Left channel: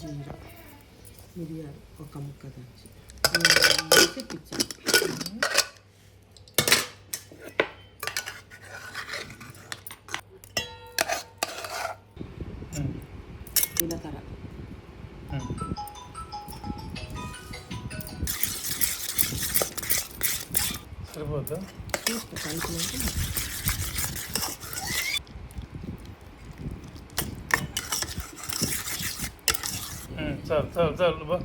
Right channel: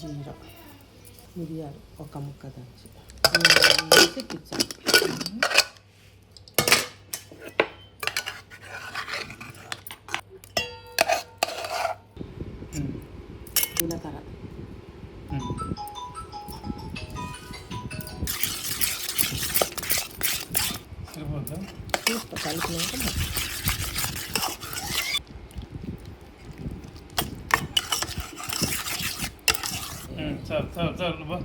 ಜೀರ ಮಿರಿಯಾರು ಒಕ್ಕ ಮುಕ್ಕ ದಂಚಿ ಸಿಕ್ಕಿಚ್ಚ వేసి పిచ్చాలి జీలకర్ర సరిపోద్దా చూస్తా కలిపినాక మరి. చాలు చాలు చాలు బా